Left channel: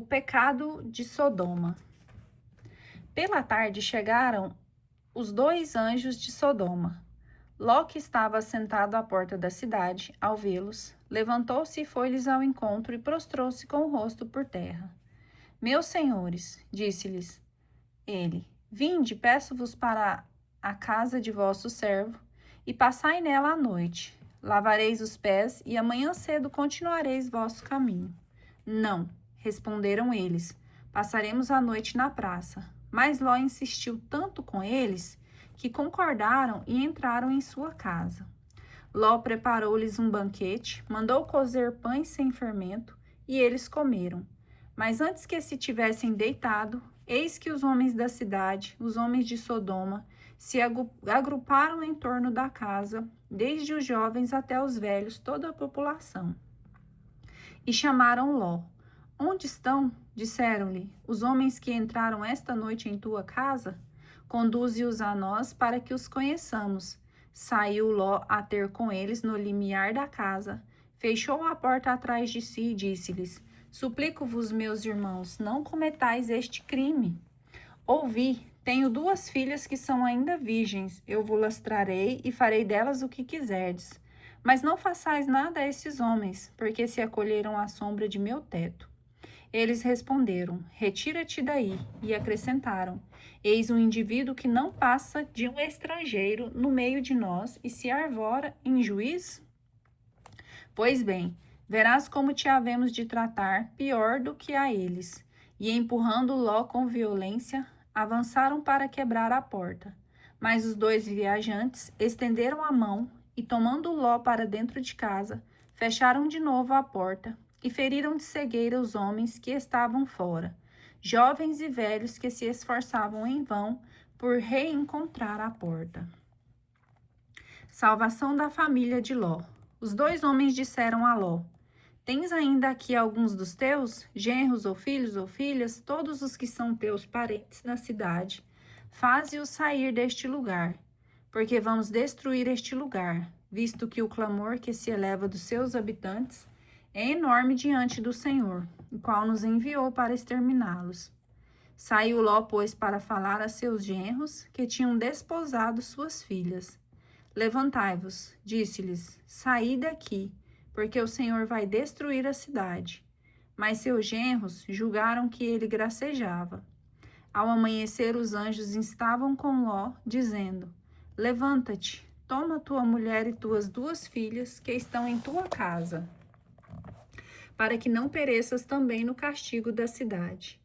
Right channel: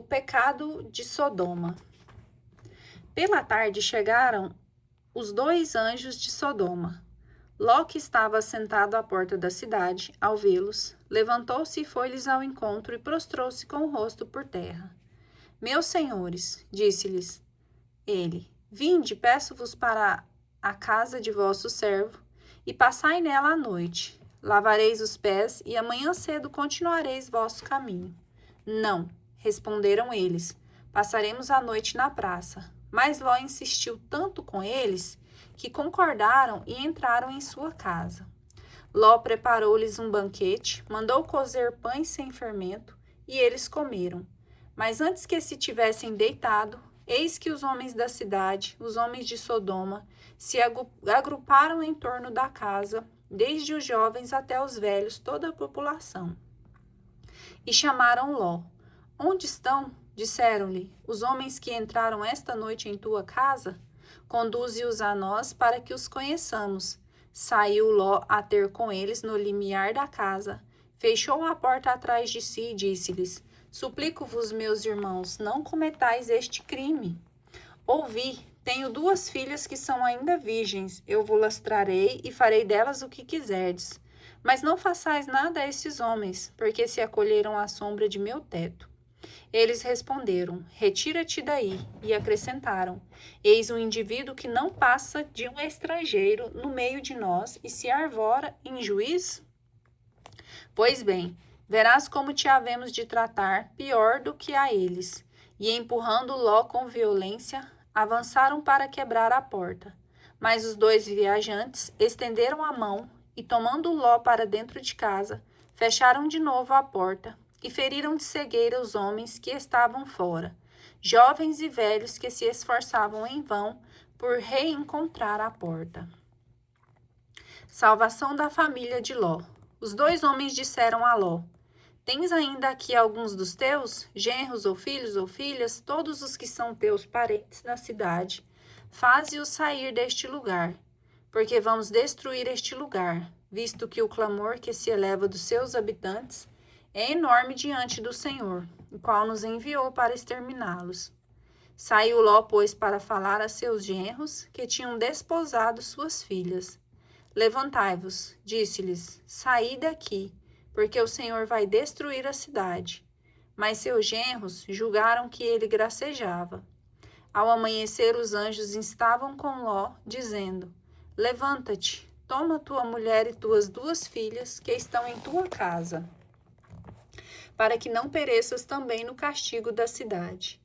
O pecado de Sodoma. Pela tarde chegaram os 2 anjos de Sodoma. Ló, que estava sentado à porta da cidade, ao vê-los, levantou-se e foi-lhes ao encontro e prostrou-se com o rosto por terra. Meus senhores, disse-lhes ele, vinde, peço-vos para a casa de vosso servo, e passai nela a noite. Lavareis os pés, e amanhã cedo continuareis vosso caminho. Não, responderam eles, passaremos a noite na praça. Mas Ló insistiu tanto com eles, que concordaram e entraram em sua casa. Ló preparou-lhes um banquete, mandou cozer pães sem fermento, e eles comeram. Mas antes que se tivessem deitado, eis que os homens da cidade, os homens de Sodoma, se agruparam em torno da casa, desde os jovens até os velhos, toda a população. E chamaram Ló. Onde estão? Disseram-lhe, os homens que entraram esta noite em tua casa? Conduze-os a nós para que os conheçamos. Saiu Ló a ter com eles no limiar da casa, fechou a porta atrás de si e disse-lhes, suplico-vos, meus irmãos, não cometais este crime. Ouvi, tenho 2 filhas que são ainda virgens, eu vos trarei e farei delas o que quiserdes. Mas não façais nada a esses homens, porque se acolheram à sombra de meu teto. Eles responderam, retira-te daí, e acrescentaram, eis um indivíduo que não passa de um estrangeiro no meio de nós e se arvora em juiz? Pois bem, verás como te havemos de tratar pior do que a eles. E empurrando Ló com violência, avançaram para quebrar a porta. Mas os 2 viajantes estenderam a mão e, tomando Ló para dentro de casa, fecharam de novo a porta e feriram de cegueira os homens que estavam fora, jovens e velhos que se esforçavam em vão por reencontrar a porta. Salvação da família de Ló. Os 2 homens disseram a Ló, tens ainda aqui alguns dos teus, genros ou filhos ou filhas, todos os que são teus parentes na cidade, faze-os sair deste lugar, porque vamos destruir este lugar, visto que o clamor que se eleva dos seus habitantes é enorme diante do Senhor, o qual nos enviou para exterminá-los. Saiu Ló, pois, para falar a seus genros, que tinham desposado suas filhas. Levantai-vos, disse-lhes, saí daqui, porque o Senhor vai destruir a cidade. Mas seus genros julgaram que ele gracejava. Ao amanhecer, os anjos estavam com Ló, dizendo, levanta-te, toma tua mulher e tuas 2 filhas, que estão em tua casa, para que não pereças também no castigo da cidade.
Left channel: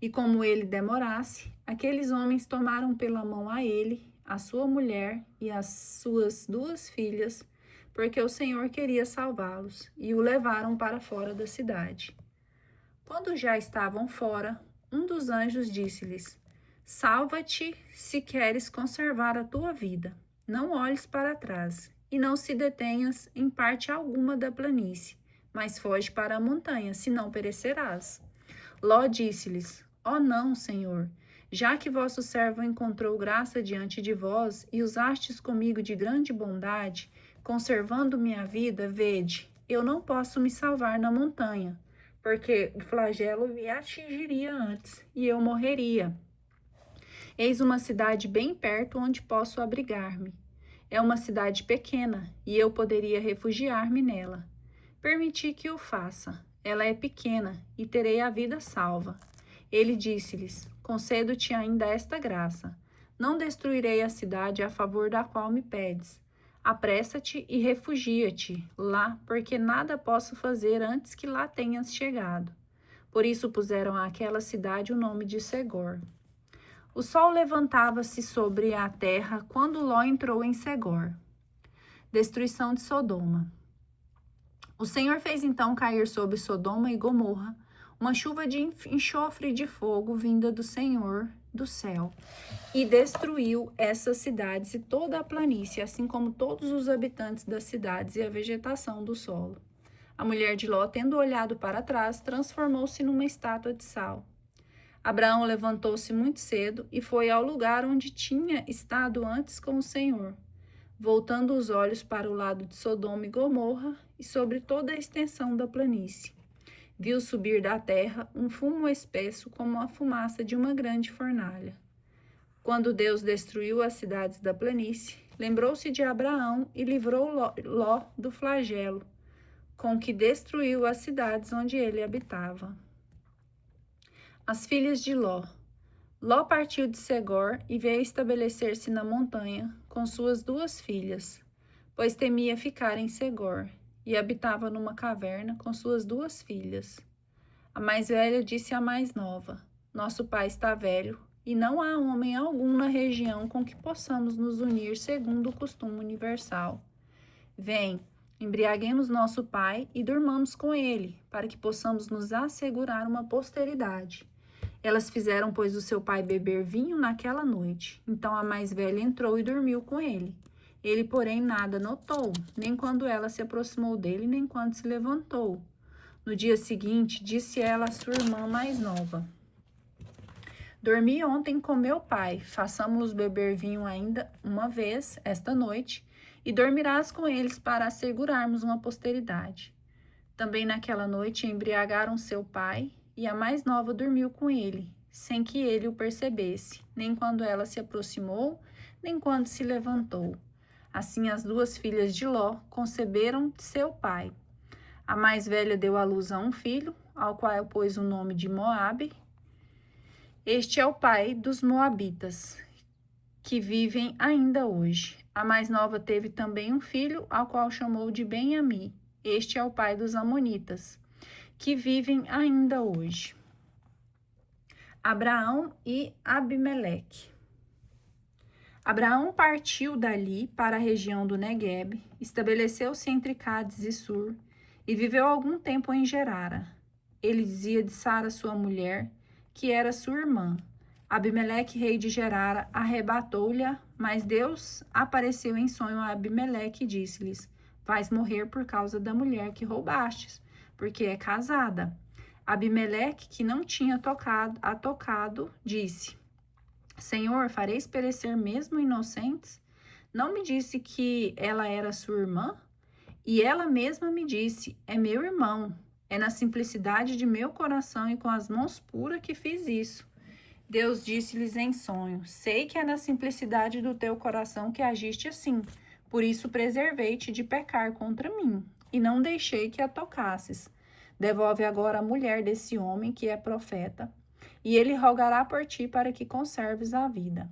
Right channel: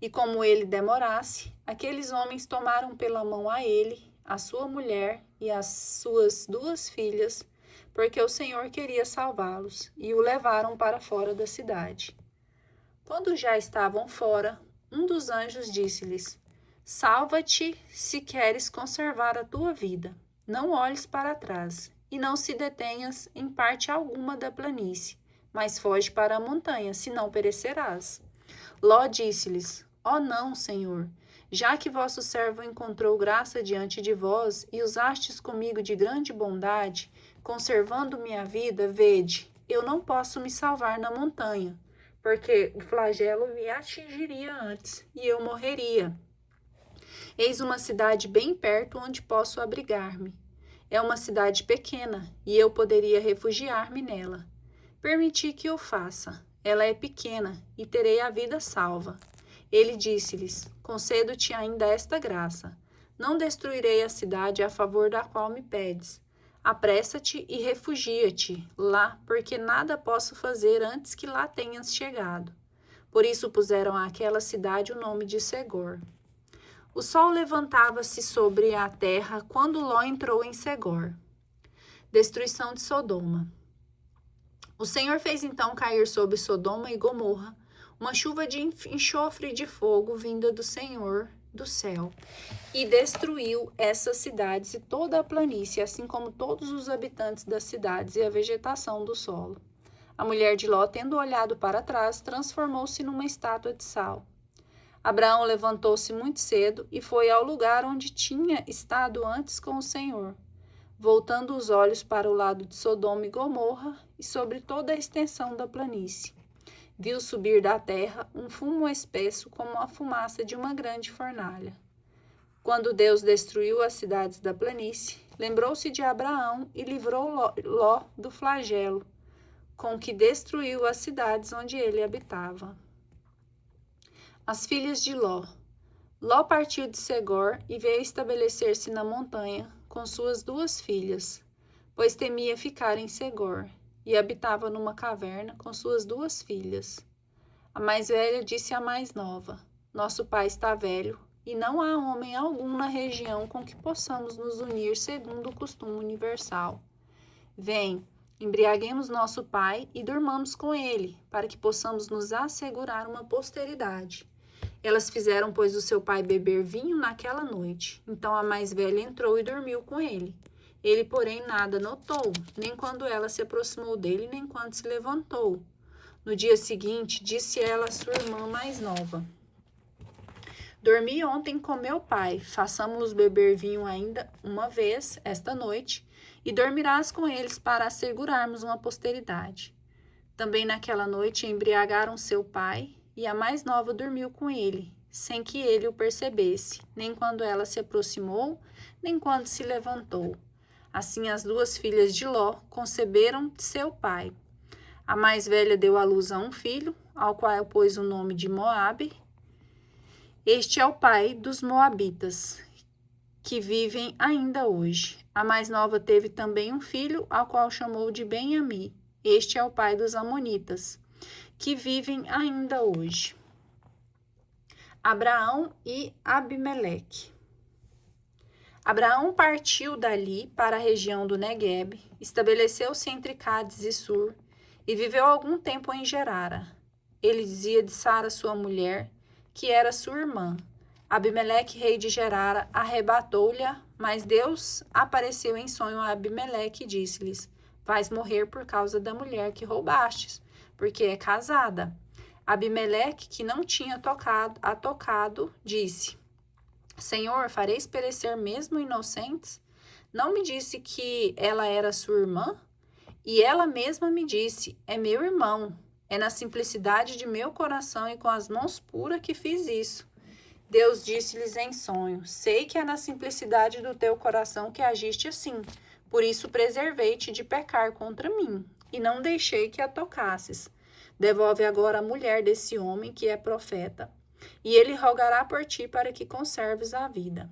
E como ele demorasse, aqueles homens tomaram pela mão a ele, a sua mulher e as suas 2 filhas, porque o Senhor queria salvá-los, e o levaram para fora da cidade. Quando já estavam fora, um dos anjos disse-lhes, salva-te se queres conservar a tua vida. Não olhes para trás, e não se detenhas em parte alguma da planície, mas foge para a montanha, senão perecerás. Ló disse-lhes, não, Senhor, já que vosso servo encontrou graça diante de vós, e usastes comigo de grande bondade, conservando minha vida, vede, eu não posso me salvar na montanha, porque o flagelo me atingiria antes, e eu morreria. Eis uma cidade bem perto onde posso abrigar-me. É uma cidade pequena, e eu poderia refugiar-me nela. Permiti que o faça. Ela é pequena, e terei a vida salva. Ele disse-lhes, concedo-te ainda esta graça. Não destruirei a cidade a favor da qual me pedes. Apressa-te e refugia-te lá, porque nada posso fazer antes que lá tenhas chegado. Por isso puseram àquela cidade o nome de Segor. O sol levantava-se sobre a terra quando Ló entrou em Segor. Destruição de Sodoma. O Senhor fez então cair sobre Sodoma e Gomorra uma chuva de enxofre e de fogo vinda do Senhor do céu, e destruiu essas cidades e toda a planície, assim como todos os habitantes das cidades e a vegetação do solo. A mulher de Ló, tendo olhado para trás, transformou-se numa estátua de sal. Abraão levantou-se muito cedo e foi ao lugar onde tinha estado antes com o Senhor, voltando os olhos para o lado de Sodoma e Gomorra e sobre toda a extensão da planície. viu subir da terra um fumo espesso como a fumaça de uma grande fornalha. Quando Deus destruiu as cidades da planície, lembrou-se de Abraão e livrou Ló do flagelo, com que destruiu as cidades onde ele habitava. As filhas de Ló. Ló partiu de Segor e veio estabelecer-se na montanha com suas 2 filhas, pois temia ficar em Segor, e habitava numa caverna com suas 2 filhas. A mais velha disse à mais nova: Nosso pai está velho, e não há homem algum na região com que possamos nos unir segundo o costume universal. Vem, embriaguemos nosso pai e dormamos com ele, para que possamos nos assegurar uma posteridade. Elas fizeram, pois, o seu pai beber vinho naquela noite. Então a mais velha entrou e dormiu com ele. Ele, porém, nada notou, nem quando ela se aproximou dele, nem quando se levantou. No dia seguinte, disse ela à sua irmã mais nova: Dormi ontem com meu pai, façamos beber vinho ainda uma vez esta noite, e dormirás com eles para assegurarmos uma posteridade. Também naquela noite embriagaram seu pai, e a mais nova dormiu com ele, sem que ele o percebesse, nem quando ela se aproximou, nem quando se levantou. Assim as 2 filhas de Ló conceberam de seu pai. A mais velha deu à luz a um filho, ao qual pôs o nome de Moabe. Este é o pai dos moabitas, que vivem ainda hoje. A mais nova teve também um filho, ao qual chamou de Ben-Ami. Este é o pai dos amonitas, que vivem ainda hoje. Abraão e Abimeleque. Abraão partiu dali para a região do Neguebe, estabeleceu-se entre Cádiz e Sur, e viveu algum tempo em Gerara. Ele dizia de Sara, sua mulher, que era sua irmã. Abimeleque, rei de Gerara, arrebatou-lhe, mas Deus apareceu em sonho a Abimeleque e disse-lhes: Vais morrer por causa da mulher que roubastes, porque é casada. Abimeleque, que não tinha tocado, disse: Senhor, fareis perecer mesmo inocentes? Não me disse que ela era sua irmã? E ela mesma me disse: É meu irmão. É na simplicidade de meu coração e com as mãos puras que fiz isso. Deus disse-lhes em sonho: Sei que é na simplicidade do teu coração que agiste assim. Por isso preservei-te de pecar contra mim, e não deixei que a tocasses. Devolve agora a mulher desse homem que é profeta, e ele rogará por ti para que conserves a vida.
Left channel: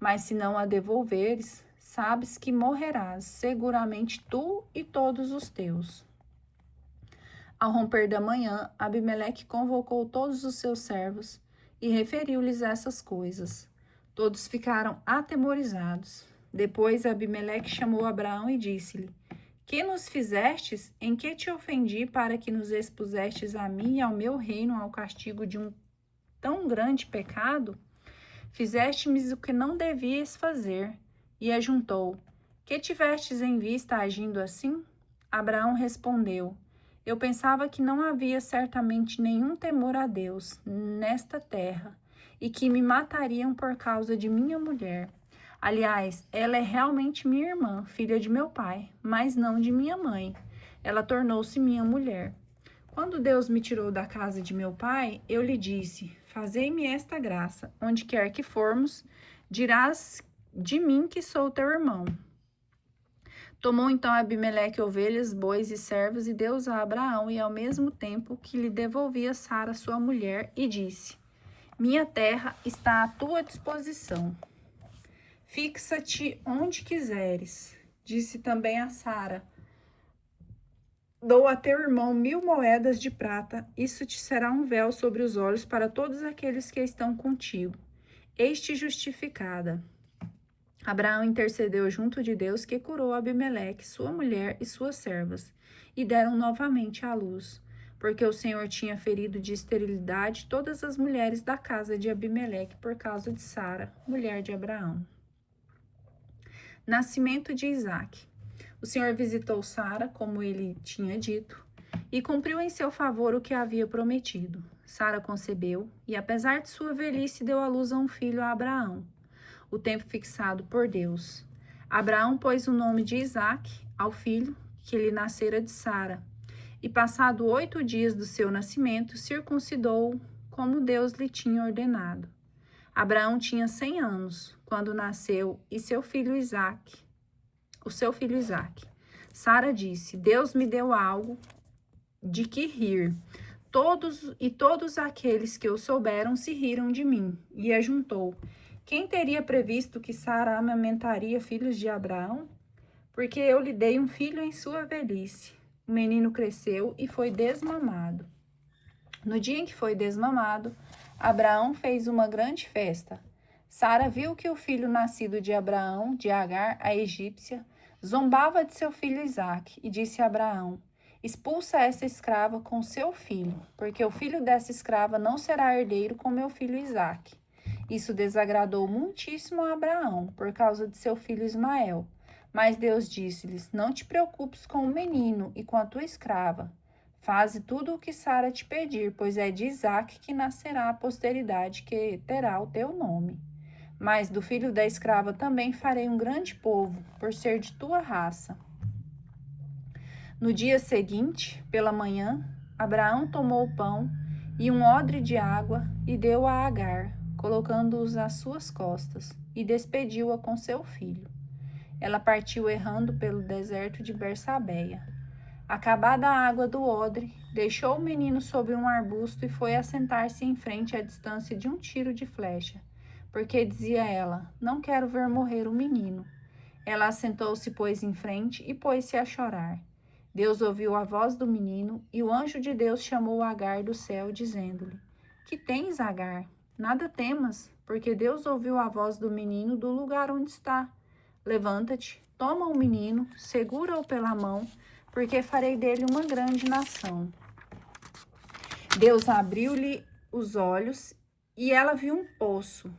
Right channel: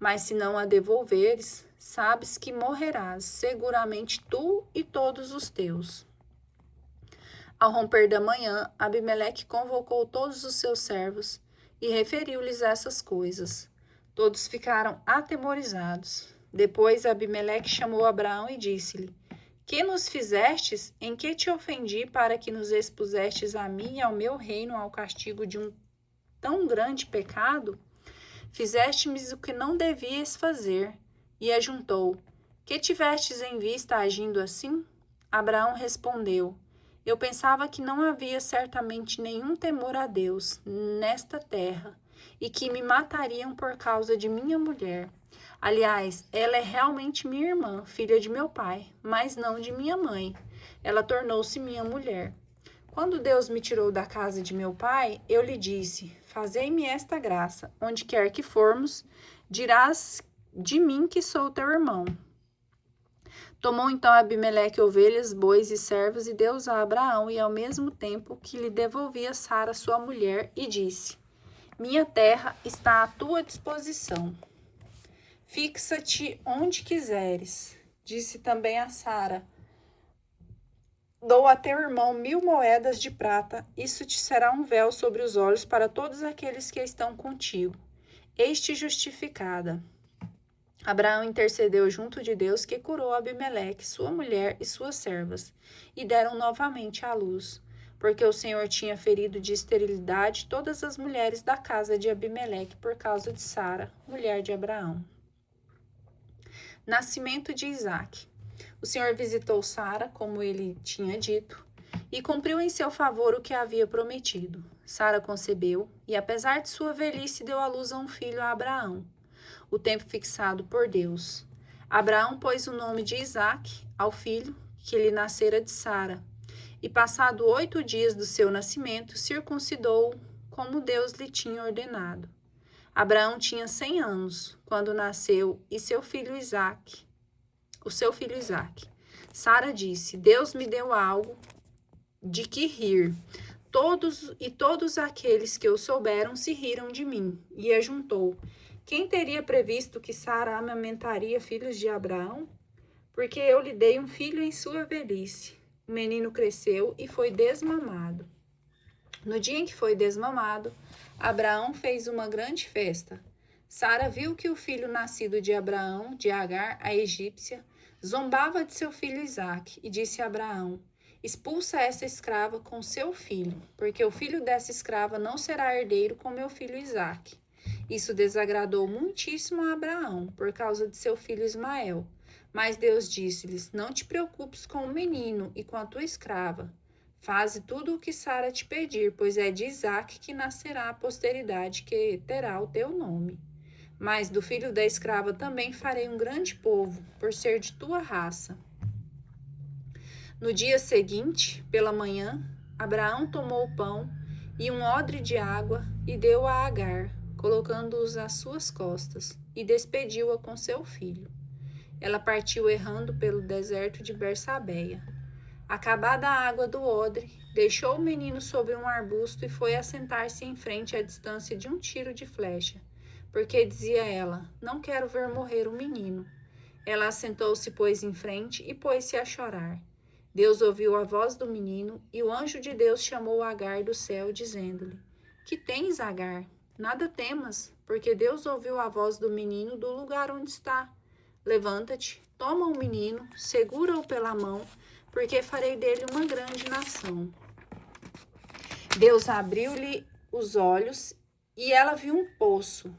Mas se não a devolveres, sabes que morrerás, seguramente tu e todos os teus. Ao romper da manhã, Abimeleque convocou todos os seus servos e referiu-lhes essas coisas. Todos ficaram atemorizados. Depois Abimeleque chamou Abraão e disse-lhe: Que nos fizestes? Em que te ofendi para que nos expusestes a mim e ao meu reino ao castigo de um tão grande pecado? Fizeste-me o que não devias fazer. E ajuntou: Que tivestes em vista agindo assim? Abraão respondeu: Eu pensava que não havia certamente nenhum temor a Deus nesta terra, e que me matariam por causa de minha mulher. Aliás, ela é realmente minha irmã, filha de meu pai, mas não de minha mãe. Ela tornou-se minha mulher. Quando Deus me tirou da casa de meu pai, eu lhe disse: Fazei-me esta graça, onde quer que formos, dirás de mim que sou teu irmão. Tomou então Abimeleque ovelhas, bois e servos e deu-os a Abraão, e ao mesmo tempo que lhe devolvia Sara, sua mulher, e disse: Minha terra está à tua disposição. Fixa-te onde quiseres. Disse também a Sara: Dou a teu irmão 1000 moedas de prata, isso te será um véu sobre os olhos para todos aqueles que estão contigo. Eis-te justificada. Abraão intercedeu junto de Deus, que curou Abimeleque, sua mulher e suas servas, e deram novamente à luz, porque o Senhor tinha ferido de esterilidade todas as mulheres da casa de Abimeleque por causa de Sara, mulher de Abraão. Nascimento de Isaque. O Senhor visitou Sara, como ele tinha dito, e cumpriu em seu favor o que havia prometido. Sara concebeu, e apesar de sua velhice, deu à luz a um filho a Abraão, o tempo fixado por Deus. Abraão pôs o nome de Isaque ao filho que lhe nascera de Sara. E passado 8 dias do seu nascimento, circuncidou como Deus lhe tinha ordenado. Abraão tinha 100 anos quando nasceu o seu filho Isaque. Sara disse: Deus me deu algo de que rir. Todos aqueles que o souberam se riram de mim. E ajuntou: quem teria previsto que Sara amamentaria filhos de Abraão? Porque eu lhe dei um filho em sua velhice. O menino cresceu e foi desmamado. No dia em que foi desmamado, Abraão fez uma grande festa. Sara viu que o filho nascido de Abraão, de Agar, a egípcia, zombava de seu filho Isaque e disse a Abraão: expulsa essa escrava com seu filho, porque o filho dessa escrava não será herdeiro com meu filho Isaque. Isso desagradou muitíssimo a Abraão, por causa de seu filho Ismael. Mas Deus disse-lhes: não te preocupes com o menino e com a tua escrava. Faze tudo o que Sara te pedir, pois é de Isaque que nascerá a posteridade que terá o teu nome. Mas do filho da escrava também farei um grande povo, por ser de tua raça. No dia seguinte, pela manhã, Abraão tomou o pão e um odre de água e deu a Agar, colocando-os às suas costas, e despediu-a com seu filho. Ela partiu errando pelo deserto de Bersabeia. Acabada a água do odre, deixou o menino sobre um arbusto e foi assentar-se em frente à distância de um tiro de flecha, porque dizia ela: não quero ver morrer o menino. Ela assentou-se, pois, em frente e pôs-se a chorar. Deus ouviu a voz do menino e o anjo de Deus chamou Agar do céu, dizendo-lhe: que tens, Agar? Nada temas, porque Deus ouviu a voz do menino do lugar onde está. Levanta-te, toma o menino, segura-o pela mão, porque farei dele uma grande nação. Deus abriu-lhe os olhos e ela viu um poço,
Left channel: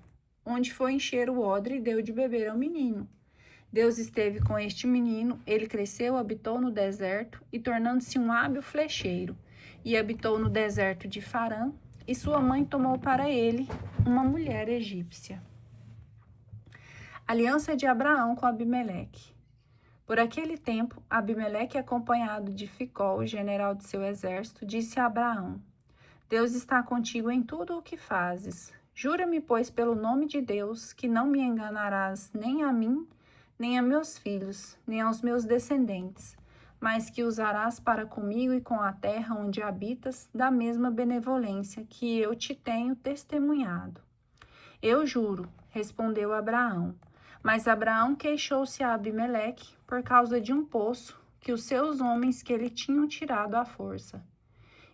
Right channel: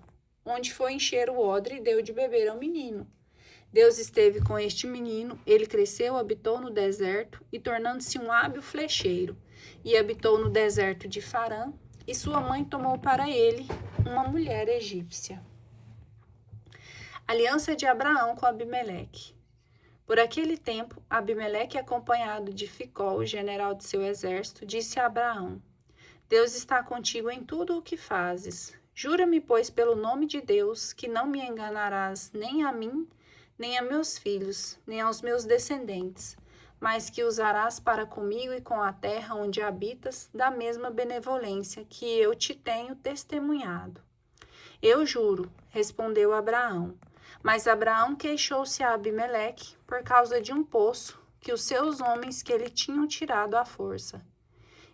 onde foi encher o odre e deu de beber ao menino. Deus esteve com este menino, ele cresceu, habitou no deserto e tornando-se um hábil flecheiro, e habitou no deserto de Farã, e sua mãe tomou para ele uma mulher egípcia. Aliança de Abraão com Abimeleque. Por aquele tempo, Abimeleque, acompanhado de Ficol, general de seu exército, disse a Abraão: Deus está contigo em tudo o que fazes. Jura-me, pois, pelo nome de Deus, que não me enganarás nem a mim, nem a meus filhos, nem aos meus descendentes, mas que usarás para comigo e com a terra onde habitas da mesma benevolência que eu te tenho testemunhado. Eu juro, respondeu Abraão. Mas Abraão queixou-se a Abimeleque por causa de um poço que os seus homens que lhe tinham tirado à força.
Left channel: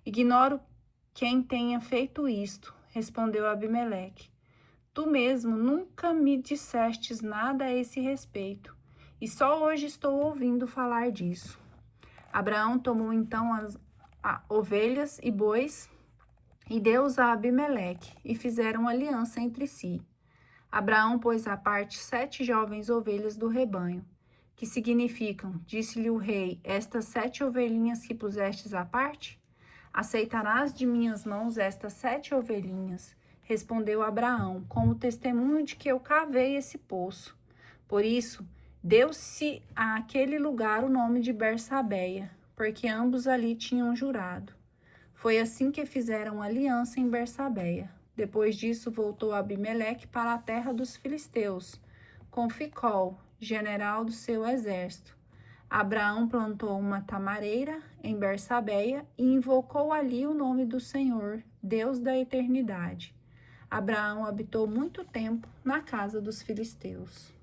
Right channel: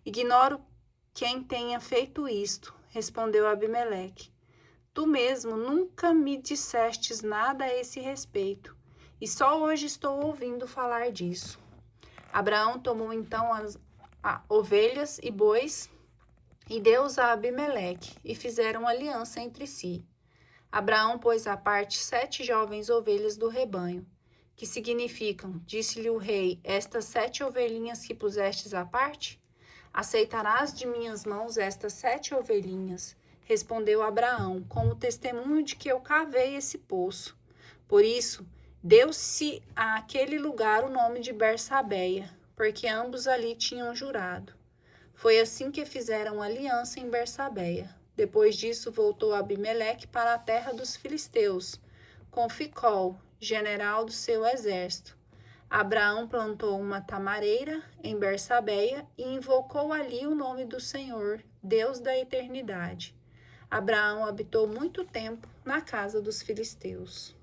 Ignoro quem tenha feito isto, respondeu Abimeleque. Tu mesmo nunca me dissestes nada a esse respeito, e só hoje estou ouvindo falar disso. Abraão tomou então as ovelhas e bois e deu-os a Abimeleque, e fizeram aliança entre si. Abraão pôs à parte 7 jovens ovelhas do rebanho, que significam, disse-lhe o rei, estas 7 ovelhinhas que pusestes à parte? Aceitarás de minhas mãos estas 7 ovelhinhas, respondeu Abraão, como testemunho de que eu cavei esse poço. Por isso, deu-se àquele lugar o nome de Bersabeia, porque ambos ali tinham jurado. Foi assim que fizeram aliança em Bersabeia. Depois disso, voltou Abimeleque para a terra dos filisteus, com Ficol, general do seu exército. Abraão plantou uma tamareira em Bersabeia e invocou ali o nome do Senhor, Deus da eternidade. Abraão habitou muito tempo na casa dos filisteus.